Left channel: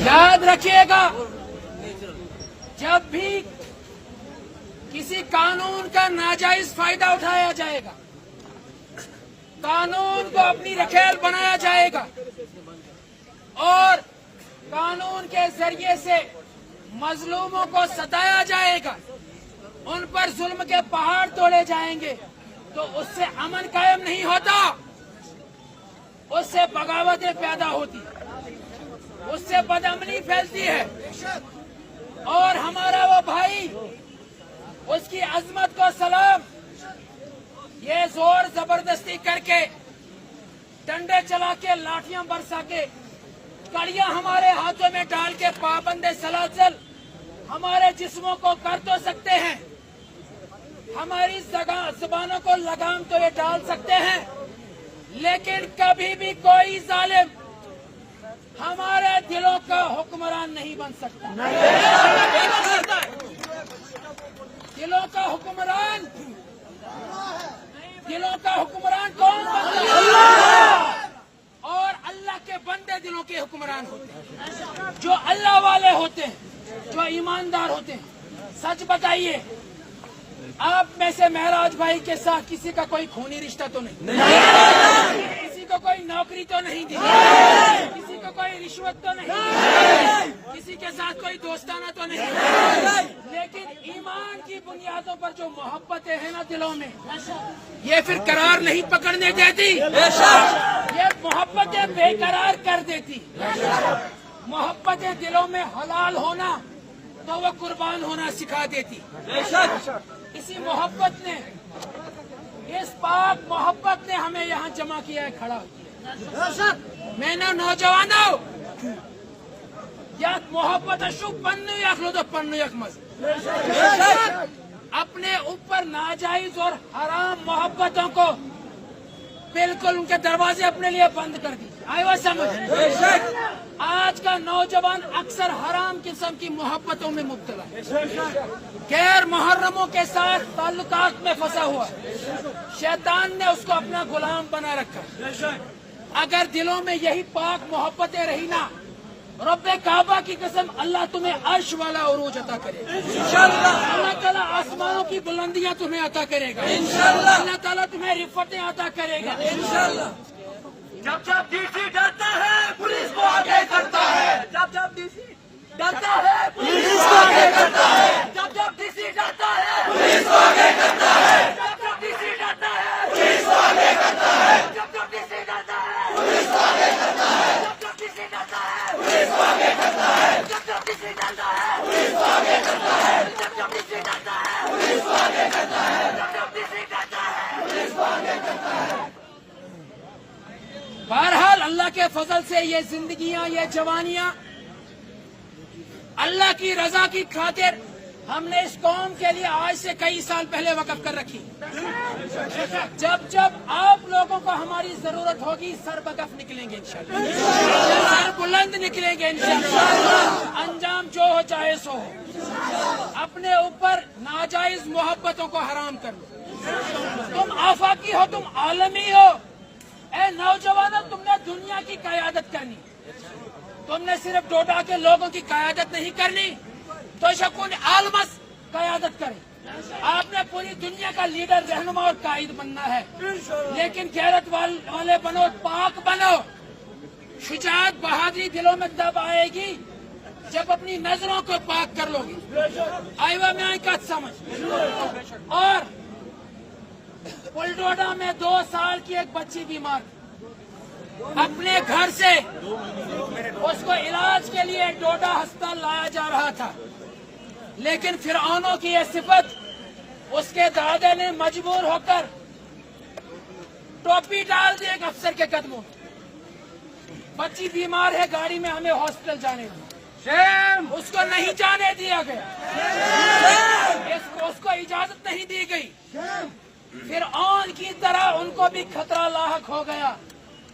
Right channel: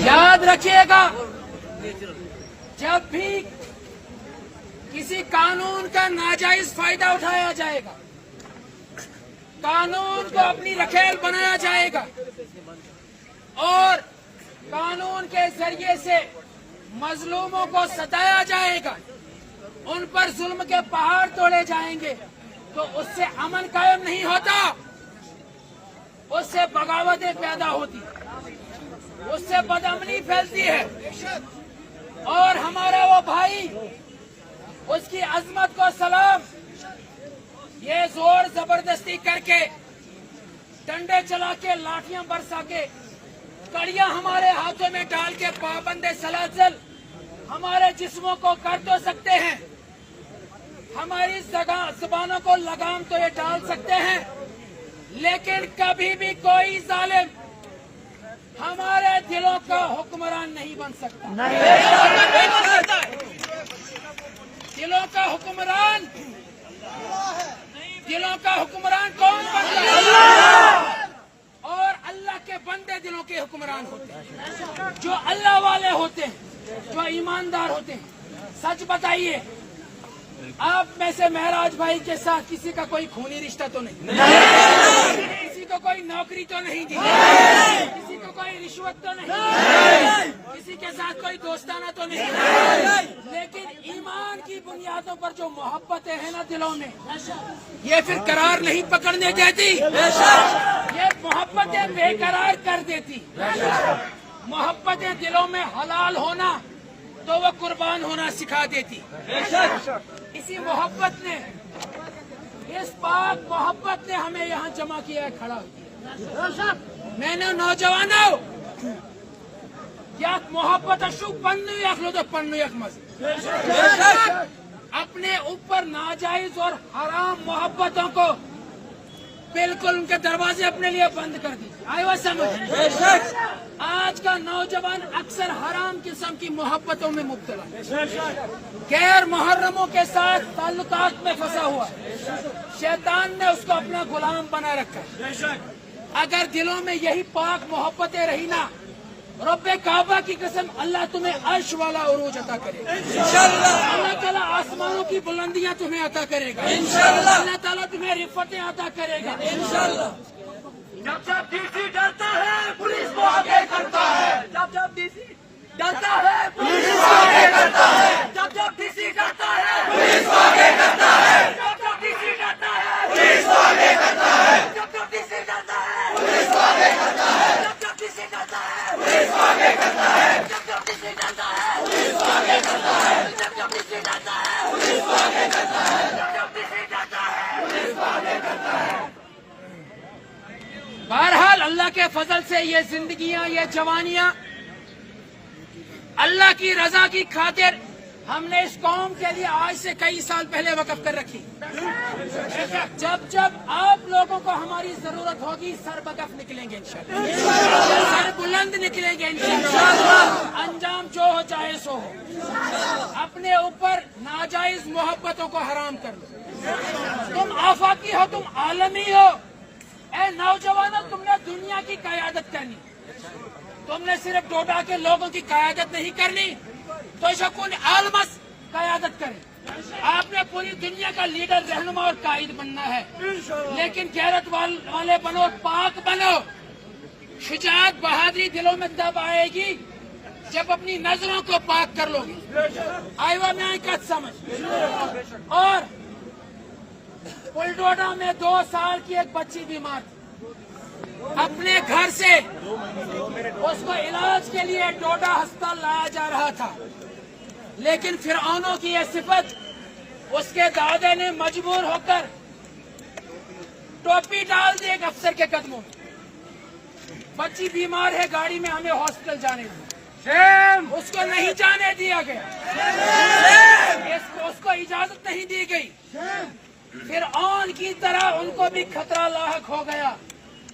याद रखिएगा, जब भी किसी कानून का नाजायज फायदा उठाया जाएगा, कानून को अपनी रखेल बनाया जाएगा और कानून के जरिए से मजलूमों को सताया जाएगा, उन पर जुल्म के पहाड़ तोड़े जाएंगे, तो उससे अमन कायम नहीं होता, उससे बगावतें पैदा होती, उससे बदअमनी फैलती है। और हमारा वो भाई, उसकी अजमत को सलाम, ये जोर जबरदस्ती करके, डंडे चला के, लाठियां बरसा के, कड़ियां हमारे हाथों में डाल के पाबंदे सलासल हमारे जिस्मों को कर तो सकते हैं, हमारी जुबानों को लगाम तो ये डाल सकते हैं, लेकिन कभी भी कोई जालिम हमारे दिलों का हुक्मरान नहीं बन सकता। दिलों का हुक्मरान कौन बनता है? और अल्लाह के बंदे दिलों के हुक्मरान होते हैं, जो अल्लाह वाले होते हैं, जो ईमानदार होते हैं। सच बताइए, आप में से महराज भाई के साथ किसी का कोई खूनी रिश्ता तो नहीं, किसी को कोई नौकरी तो नहीं दी, किसी को कोई रिश्वत तो नहीं, किसी के साथ कोई दोस्ताना तो नहीं, लेकिन ईमान की बुनियादों पर जो मोहब्बतें हैं ना दिलों में, ये फिर करार नहीं पकड़ने देती, ये मोहब्बतें बेकरार कर देती। मोहब्बतें दिलों में हलाल होना तो वो कुर्बान होना सिखा देती। इसी मोहब्बत ने, इस पाक मोहब्बत ने हमें यहाँ जमा किया है, खड़ा किया। मैंने नौजवानों, या मोहब्बत अशुक पन्नू यखलो तो पन्नू यक मज़े, अपने ऊपर नाजायज और हराम मोहब्बतों को बिल्कुल उनके दरवाजे अपने लिए बंद कर दीजिए। आए वो समझ। आज का नौजवान अक्सर हराम किस्म की मोहब्बतों में मुब्तला, गैर मुहर्रमों के साथ ताल्लुकात में फंसा हुआ है। शैतान ने उसको अपना गुलाम बना रखा। अगर दिलों में यही पाक मोहब्बतें रही ना, रब्बे काबा की कसम, अल्लाह तुम्हें अर्श वाला उरूज अता करेगा इंशाअल्लाह। अल्लाह ताला आसमानों की बुलंदियां तुम्हें अता करेगा इंशाअल्लाह। अल्लाह ताला तुम्हें रिफ़तें अता करेगा इंशाअल्लाह। जब डीसी डरता है, पुलिस को आगे करता है। जब डीसी डरता है, पुलिस को आगे करता है। जब डीसी डरता है, पुलिस को आगे करता है। जब डीसी डरता है, पुलिस को आगे करता है। जब डीसी डरता है, पुलिस को आगे करता है। जब डीसी डरता है, पुलिस को आगे करता है। जब डीसी डरता है, पुलिस को आगे करता है। जब डीसी डरता है, पुलिस को आगे करता है। जब डीसी डरता है, पुलिस को आगे करता है। बहरहाल अल्लाह के फजल से ये जिंदगियां, ये जवानियां अल्लाह की रजा की खातिर हमने इस कौम के लिए आज से कई साल पहले वक़्फ़ कर रखी। जब जब आप लोगों को हमारी जरूरत होगी, सर बकफ निकलेंगे इंशाअल्लाह, सर बुलंद निकलेंगे इंशाअल्लाह। अंजाम जो हो चाहे सो हो। अपने ऊपर नाजायज मोहब्बतों को हराम कर लो। तुम आफाकी हो, तुम आलमी हो। ए नौजवानों, तुमने दुनिया की क़यादत करनी, तुमने सिर्फ डोडा के लोगों की क़यादत नहीं करनी, तो शकुन आलमस क़यादत करे। आपने पूरी दुनिया का लीडर, रहनुमा और कायद बनना है, लेकिन गैरत वाले बनो, पाक बनो। शुजाअत, बहादुरी दिलों में तब आएगी जब अपनी नजरों को पाक कर लोगे। आईवा में का समझ। और पुलडोडा में 2 साल की एक बच्ची बीमार थी। अपने घर से उसको इलाज के लिए डोडा अस्पताल लाया जा रहा था, लेकिन फिरौनों की यह सिफत उसके दादा ने मजबूर होकर टोपी डाल दी एक अफसर के कदमों में। बच्ची बीमार है, गाड़ी में हमें हॉस्पिटल जाने दिया, उसको नहीं जाने दिया गया, उसको इजाजत नहीं दी गई। फिरऔन की तरह उनको भी खतरा लाहक हो गया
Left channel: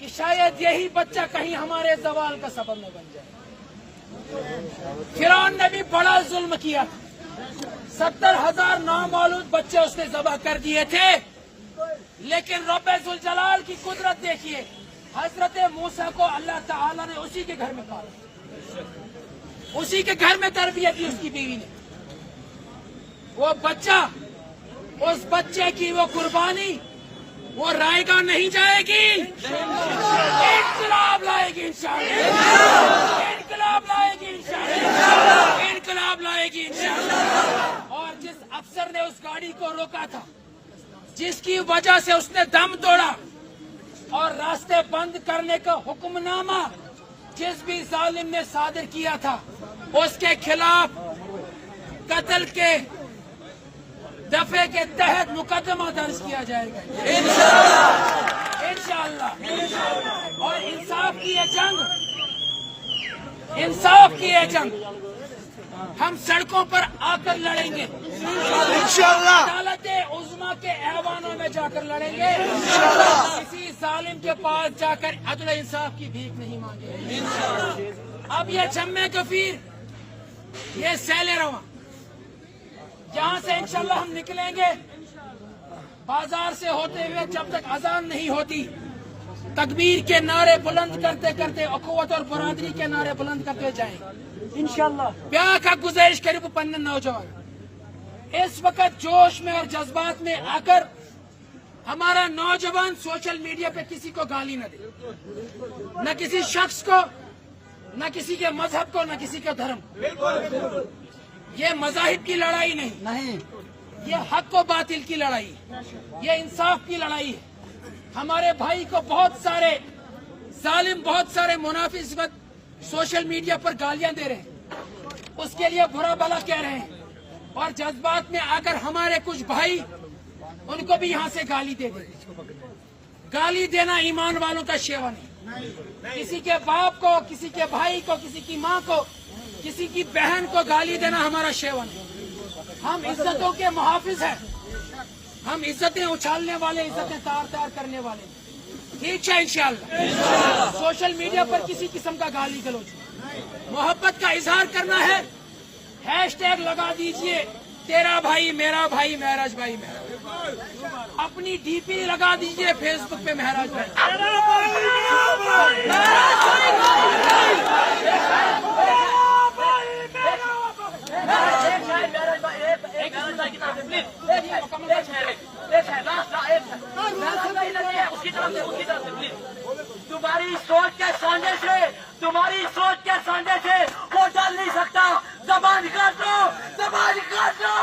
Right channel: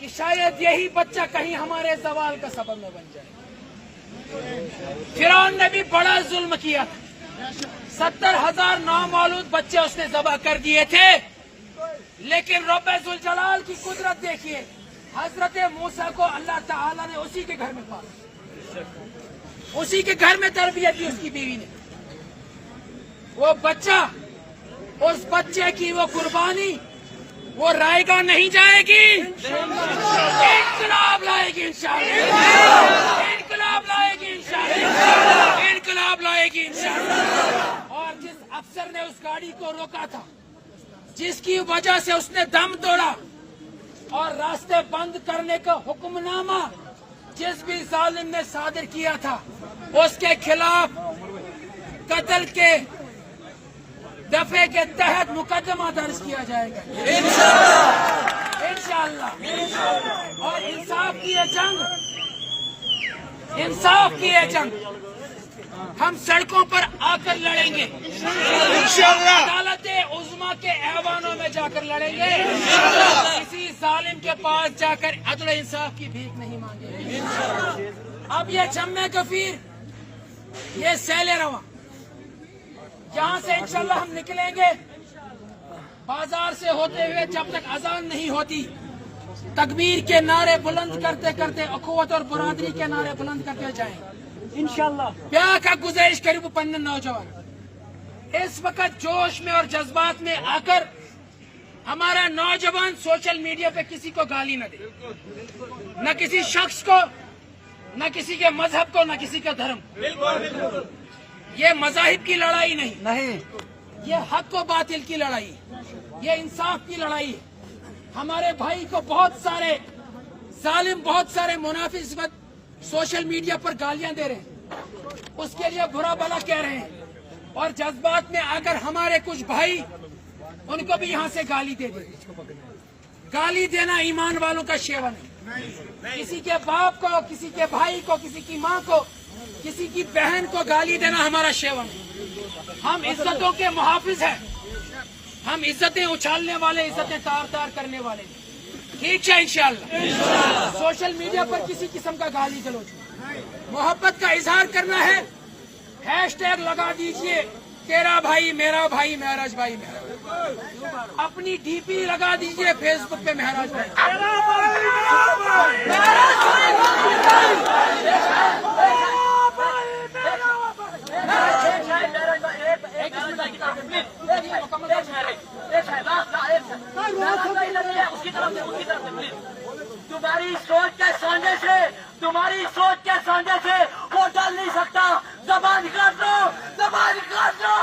कि शायद यही बच्चा कहीं हमारे जवाल का सबब में बन जाए। फिरऔन ने भी बड़ा जुल्म किया था, 70,000 नामौलूद बच्चे उसने ज़बह कर दिए थे, लेकिन रब्बे जुल जलाल की कुदरत देखिए, हजरत मूसा को अल्लाह ताला ने उसी के घर में पाला। उसी के घर में तरबियत की उसकी बीवी ने। वो बच्चा, उस बच्चे की वो कुर्बानी वो रायगा नहीं जाएगी, इनकलाब लाएगी इंशाअल्लाह, इनकलाब लाएगी इंशाअल्लाह, इनकलाब लाएगी इंशाअल्लाह। और जिस अफसर ने उस गाड़ी को रोका था, जिसकी वजह से उसने दम तोड़ा और रास्ते बंद करने का हुक्मनामा जिस भी जालिम ने सादिर किया था, उसके खिलाफ कत्ल के दफे के तहत मुकदमा दर्ज किया जाएगा इंशाअल्लाह, इंशाअल्लाह। और इंसाफ की ये जंग, इंसाफ की ये जंग हम सड़कों पर आकर लड़ेंगे इंशाअल्लाह, अदालत उज़्मा के ऐवानों में जाकर लड़ेंगे, किसी जालिम के पास जाकर अदल इंसाफ की भीख नहीं मांगेंगे। अब ये जम्मे गफीर, ये सैले रवा, जहाँ से इंशाअल्लाह हम निकलेंगे, बाजार से होते हुए जब तक अजान नहीं होती, तकबीर के नारे बुलंद करते करते अखुवत और बरादरी के नारे बुलंद करते जाएंगे इंशाअल्लाह। ब्याह का गुजारिश करीब पन्ने नौजवान इस वक्त जोश में और जज्बात में आकर हमारा नौजवान सोशल मीडिया पे किसी को गाली न दे, न किसी शख्स को, न किसी के मजहब को, न किसी का धर्म। ये मजाहिब की लड़ाई नहीं, ये हक व बातिल की लड़ाई, ये इंसाफ की लड़ाई है। हमारे भाई को बहुत सारे जालिम, बहुत सारे मुनाफिक इस वक्त सोशल मीडिया पर गालियां दे रहे हैं, उसके लिए बुरा भला कह रहे हैं, और जज्बात में आकर हमारे कुछ भाई उनको भी यहाँ से गाली दे देते। गाली देना ईमान वालों का शेवा नहीं। किसी के बाप को, किसी के भाई को, किसी की माँ को, किसी की बहन को गाली देना हमारा शेवा नहीं। हम इज्जतों के मुहाफिज हैं, हम इज्जतें उछालने वाले, इज्जतें तार तार करने वाले। ठीक है इंशाअल्लाह। सोशल मीडिया पर किसी किस्म का गाली गलौज, मोहब्बत का इजहार करना है, हैशटैग लगा दीजिए, तेरा भाई मेरा भाई, महराज भाई मेरा। अपनी डीपी लगा दीजिए फेसबुक पे, महराज भाई। तुम्हारी सोच के सामने से, तुम्हारी सोच के सामने से वो डर नहीं सकता। जबान काट दो, जबान काट दो,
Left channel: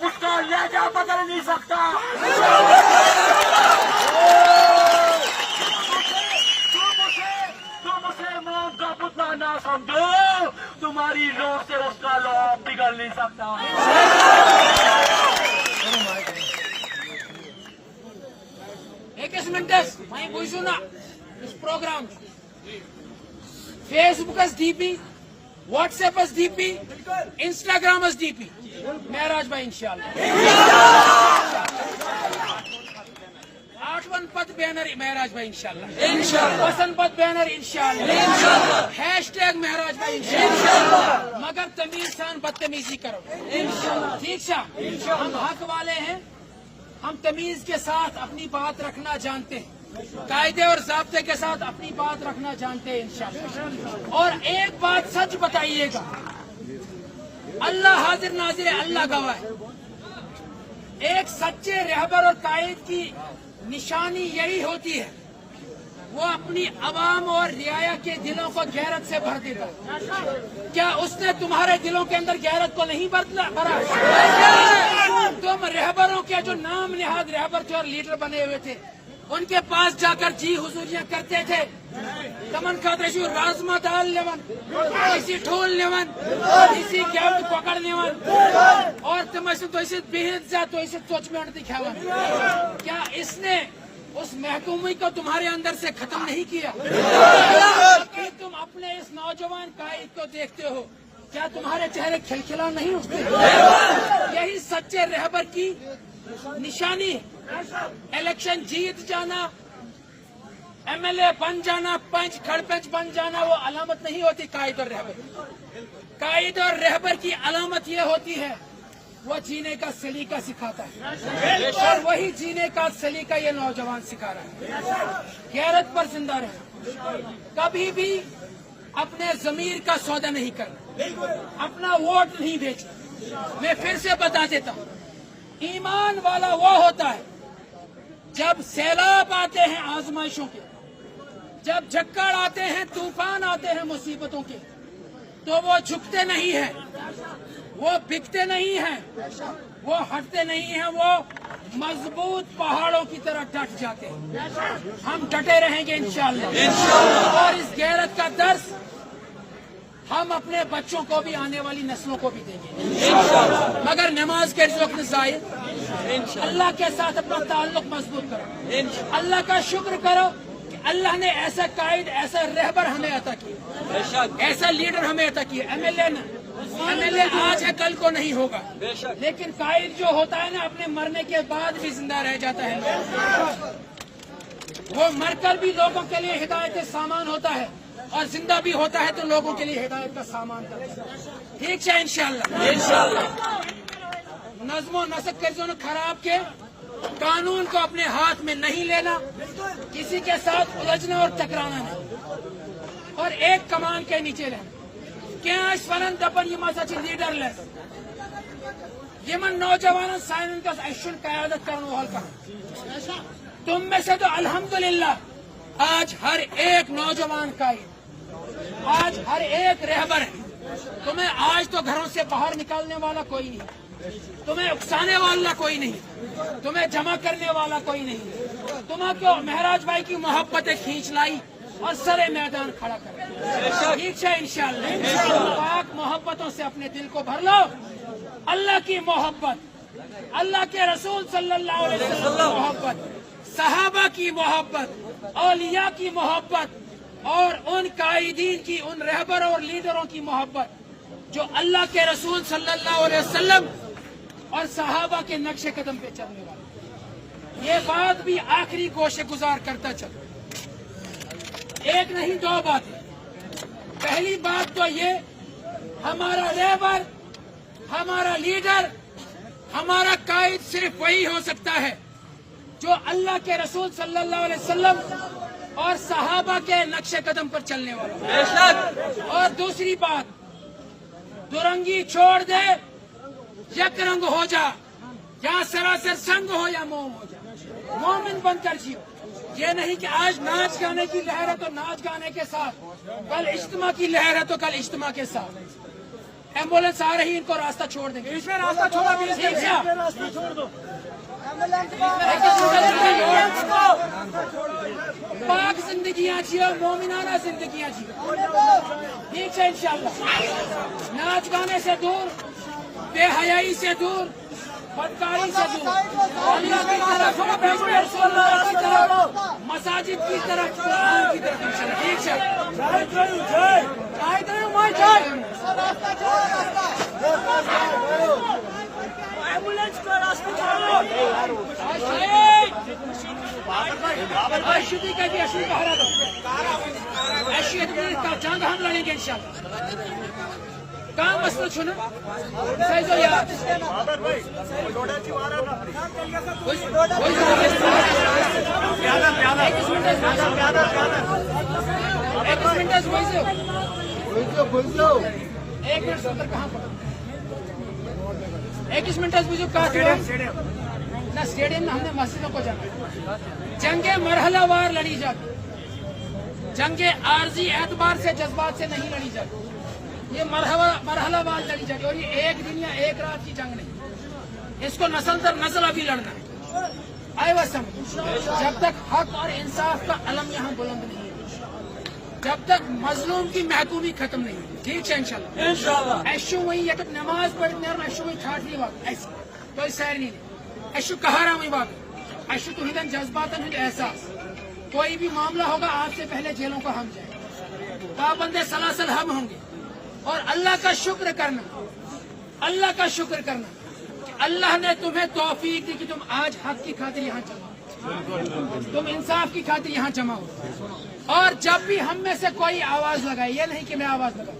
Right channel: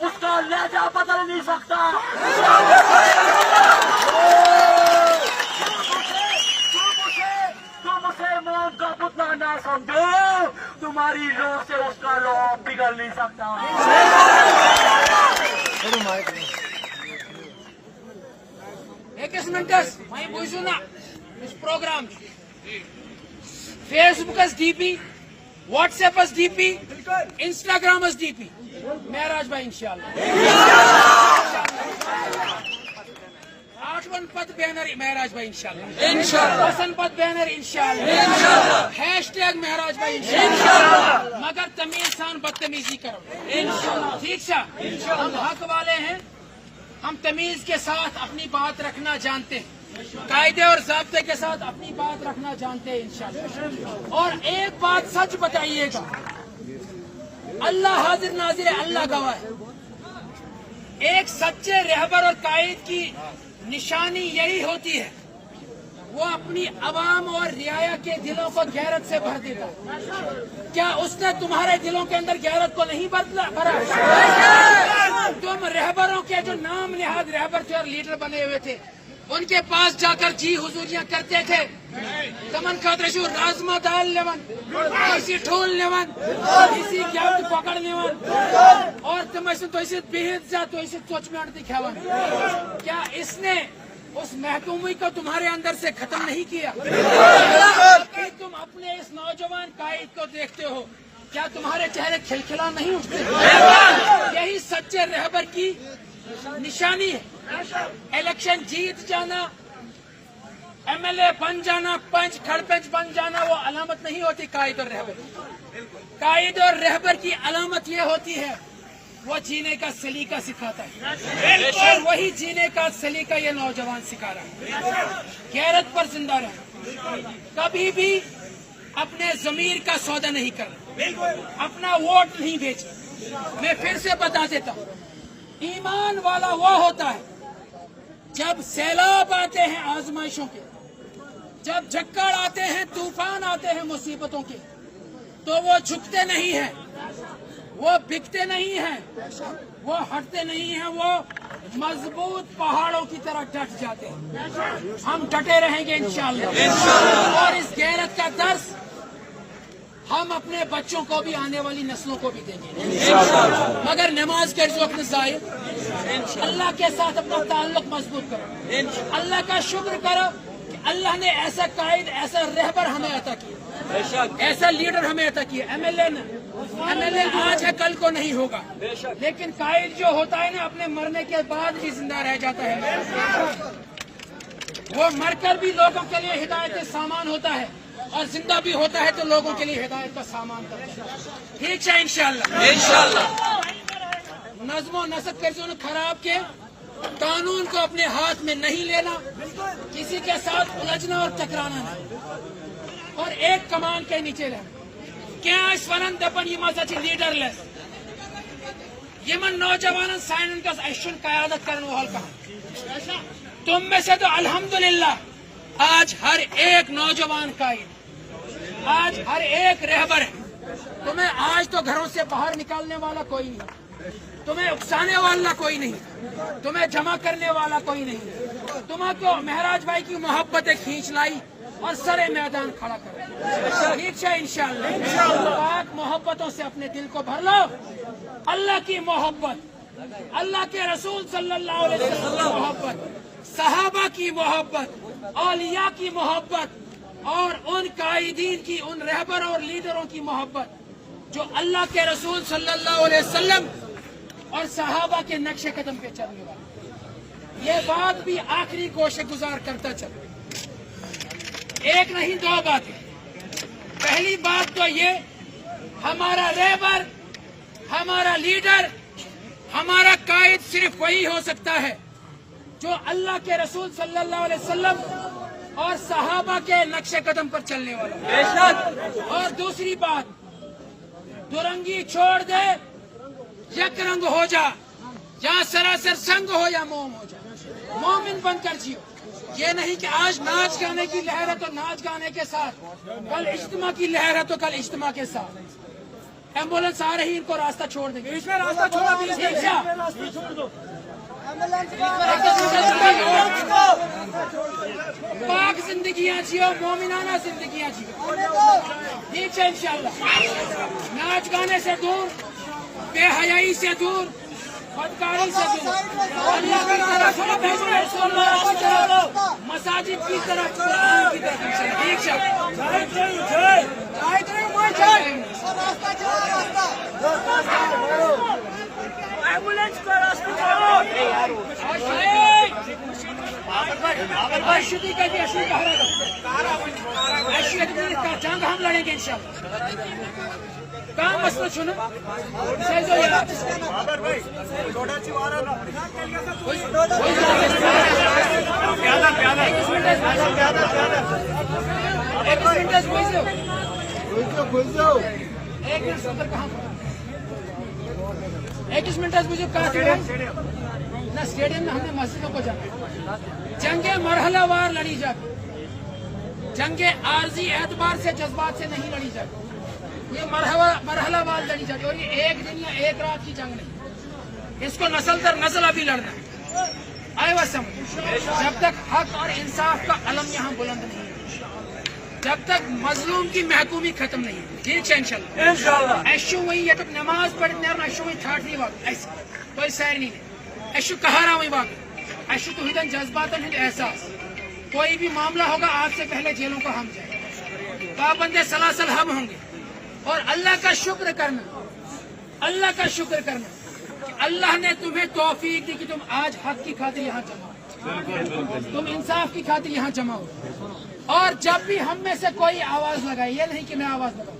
उसका लहजा बदल नहीं सकता। तुम उसे मौत का पुतला ना समझो, तुम्हारी रोक से उसका लोभ बिगड़ नहीं सकता। एक मिनट मैं पूछू ना, इस program Facebook DP, WhatsApp DP, Instagram DP, Maharaj भाई इंशाअल्लाह। 8 पद बैनर महराज भाई इंशाअल्लाह, वसन पद बैनर इंशाअल्लाह, हैशटैग महराज भाई इंशाअल्लाह। मगर तमीज सान बदतमीजी करो इंशाअल्लाह, ठीक है। हम हक वाले हैं, हम तमीज के साथ अपनी बात रखना जानते हैं, कायदे और ज़ाब्ते के साथ अपनी बात रखना जानते हैं इंशाअल्लाह। और एक बात सच बताइएगा, अल्लाह हाजिर नाजिर है, अल्लाह गवाह है। एक सच्चे रहबर और कायद की निशानी यही होती है, वो अपनी अवाम और रियाया के दिलों को गैरत से भर देता है। क्या उसने तुम्हारे दिलों के अंदर गैरत को नहीं भरा? तुम रहबरों के जो नाम निहाद रहबर थे और लीडर बने हुए थे, उनके पास जाकर जी हुजूरियां करते थे, कमन खातरशु राजमा दाल लेवन, इसी ठोल लेवन, इसी गैप पकड़ लेवन, और तुम ऐसे तो ऐसे बेहद जा तो ऐसे सोच में दिखावन। क्या इसने उस महकूमी को तुम्हारे अंदर से खत्म नहीं किया? फिर तुम अपने इस नौजवान कायद को देखते हो, क्या तुम्हारे चेहरे खिलखिला नहीं उठते? यही सच्चे रहबर की निशानी है। इलेक्शन जीत जाना, एमएलए बन जाना, पंच खड़पंच बन जाना वो अलामत नहीं होती कायद और रहबर। कायद और रहबर की अलामत ये होती है, वो जीने का सलीका सिखाता है, और वही जीने का सलीका ये नौजवान सिखा रहा है। गैरत पर जिंदा रहना, कभी भी अपने जमीर का सौदा नहीं करना, अपना वोट नहीं बेचे। मैं फिर से बता देता हूँ, ईमान वाला वो होता है जब सैलाब आते हैं आजमाइशों के, जब झक्कड़ आते हैं, तूफान आते हैं मुसीबतों के, तो वो झुकते नहीं हैं, वो बिकते नहीं हैं, वो हटते नहीं हैं, वो मजबूत पहाड़ों की तरह डट जाते हैं। हम डटे रहेंगे इंशाअल्लाह, और इस गैरत का दर्स हम अपने बच्चों को भी, आने वाली नस्लों को भी देंगे। मगर नमाज के वक्त ज़ाहिर, अल्लाह के साथ अपना ताल्लुक मजबूत करो, अल्लाह का शुक्र करो कि अल्लाह ने ऐसा कायद, ऐसा रहबर हमें अता किया, ऐसा लीडर हमें अता किया। एमएलए आज है, कल को नहीं होगा, लेकिन कायद जो होता है ना, अपने मरने के बाद भी जिंदा रह जाता है। वो मरकर भी लोगों के लिए हिदायत का सामान होता है, और जिंदा भी होता है तो लोगों के लिए हिदायत का सामान करता है। ठीक है इंशाअल्लाह। नज़्म नसक कर्जों खराब के कानून को अपने हाथ में नहीं लेना, किसी के साथ उलझना और टकराना नहीं, और एक कमान के नीचे रहना। क्या स्वरन दपन ये मजा लीडरलेस यमन नौजवान साइन का अशुन कयादत करने वाल कहा। तुम में से तो अल्हम्दुलिल्लाह आज हर एक नौजवान कायद, आज हर एक रहबर है। तुम्हें आज तो घरों से बाहर निकालने वाला कोई नहीं, तुम्हें उकसाने वाला कोई नहीं, तुम्हें जमा करने वाला कोई नहीं। तुम्हें को महराज भाई की मोहब्बतें खींच लाई और सरे मैदान खड़ा कर। ठीक है इंशाअल्लाह। पाक मोहब्बतों से अपने दिल को भर लो। अल्लाह की मोहब्बत, अल्लाह के रसूल सल्लल्लाहु अलैहि वसल्लम की मोहब्बत, सहाबा की मोहब्बत, औलिया की मोहब्बत, और उन कायदीन की, उन रहबर और लीडरों की मोहब्बत जो अल्लाह के रसूल सल्लल्लाहु अलैहि वसल्लम और सहाबा के नक्शे कदम पे चलने वाले। ये बात भी आखिरी गोशे गुजार करता चलो, एक नहीं दो बातें। पहली बात तो ये, हमारा रहबर, हमारा लीडर, हमारा कायद सिर्फ वही हो सकता है जो अल्लाह के रसूल सल्लल्लाहु अलैहि वसल्लम और सहाबा के नक्शे कदम पर चलने वाला। बेशक। और दूसरी बात, दुरंगी छोड़ दे, यक रंग हो जा, या सरासर संग हो या मोम हो जा, मोमिन बनकर जियो। ये नहीं कि आज नाच गाने की लहर है तो नाच गाने के साथ, कल इज्तिमा की लहर है तो कल इज्तिमा के साथ। एम्बुलेंस आ रही, इनको रास्ता छोड़ देंगे। रास्ता छोड़ दो। पाक जिंदगियां जियो, मोमिनाना जिंदगियां जियो। ठीक है इंशाअल्लाह। नाच गाने से दूर, बेहयाई से दूर, बदकारों से दूर, अल्लाह की तरफ, मसाजिद की तरफ, कुरान की तरफ। ठीक है। एम्बुलेंस का रास्ता का जंग हम लड़ेंगे इंशाअल्लाह। काम मसला सुनो, जो यार एक मिनट सुंदर कहाँ पर 21 मिनट बुझो कहा ना स्टेडियम में हमने मस्जिदों को जाना। जंगे मरहलावार लड़ी जाती, जंगे आर्जी एतबार से, जज्बात से नहीं लड़ी जाती। ये मरहलावार लड़ी जाती, और ये एक दिन या एक रात की जंग नहीं, इसको नस्ल दर नस्ल अभी लड़ना है। आए वह समझ, जब तक हक और इंसाफ का अलम यहाँ बुलंद नहीं, जब तक मजलूम की महकूमी खत्म नहीं है। ठीक है इंशाअल्लाह। ऐशु वही है तो नमाज पढ़ने ऐशु वही ठाठ नहीं बात, ऐसे कोई सैर नहीं है। ऐशु कहा रहा वही बात, ऐशु तो हिदन जज्बात एहसास। कोई भी मामला होगा, आज से पहले जेलों को हम जाएंगे, पाबंदे सलासल हम होंगे। और अल्लाह का शुक्र करना, अल्लाह का शुक्र करना, अल्लाह ने तुम्हें तौफीक दी कि तुम आज हक की खातिर यहाँ जमा हो, तुम इंसाफ की खातिर यहाँ जमा हो। और जब भी हम में से कोई आवाज लगाए, ये नहीं कि मैं आवाज लगाऊं,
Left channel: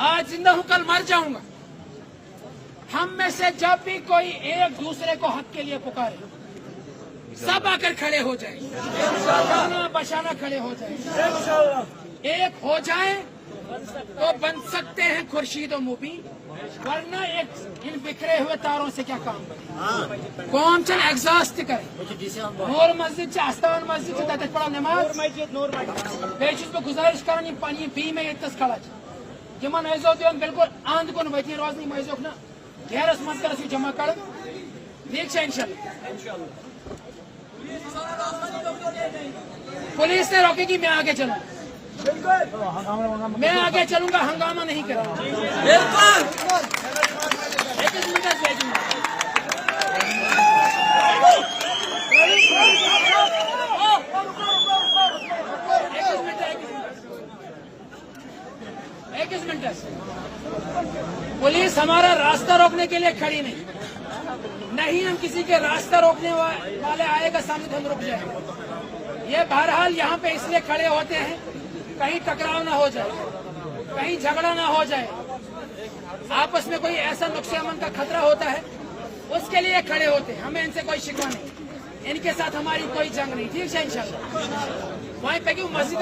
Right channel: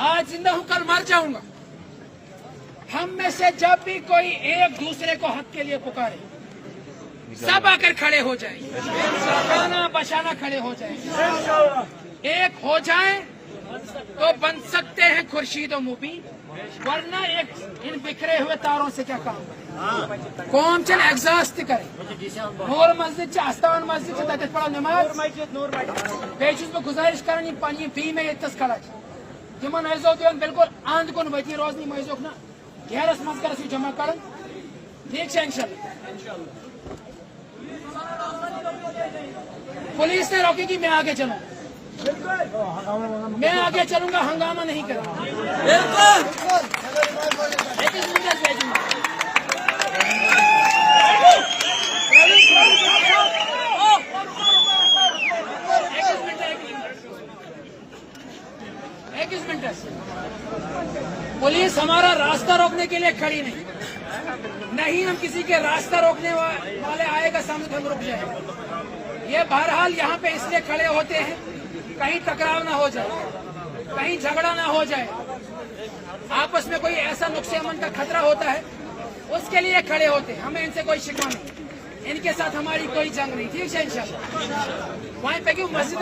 आज जिंदा हूं कल मर जाऊंगा, हम में से जब भी कोई एक दूसरे को हक के लिए पुकारे, सब आकर खड़े हो जाएंगे, शाना बशाना खड़े हो जाएंगे, एक हो जाए तो बन सकते हैं खुर्शीद और मुबीन, वरना एक इन बिखरे हुए तारों से क्या काम कौन चल एग्जॉस्ट करे नूर मस्जिद आस्थान मस्जिद से तक पड़ा नमाज बेचुस पे गुजारिश कर पी फी में इतस खड़ा जमन ऐसो दिवन बिल्कुल आंध कुन वती रोजनी मैजोक ना घेरस मत कर जमा कर ठीक है इंशाल्लाह। पुलिस ने रोकेगी, मैं आगे चलूंगा, मैं आगे चलूंगा, हंगामा नहीं करूंगा। एक मिनट, पुलिस हमारा रास्ता रोकने के लिए खड़ी नहीं, हम किसी के रास्ता रोकने वाले आएगा सामने तो हम रुक जाए। ये बहरहाल यहाँ पे इसलिए खड़े होते हैं कहीं टकराव ना हो जाए, कहीं झगड़ा ना हो जाए, आपस में कोई ऐसा नुक्से अमन का खतरा होता है उसके लिए खड़े होते हैं। हमें इनसे कोई शिकवा नहीं, इनके साथ हमारी कोई जंग नहीं। ठीक है इंशाल्लाह। वहीं पे क्यों मस्जिद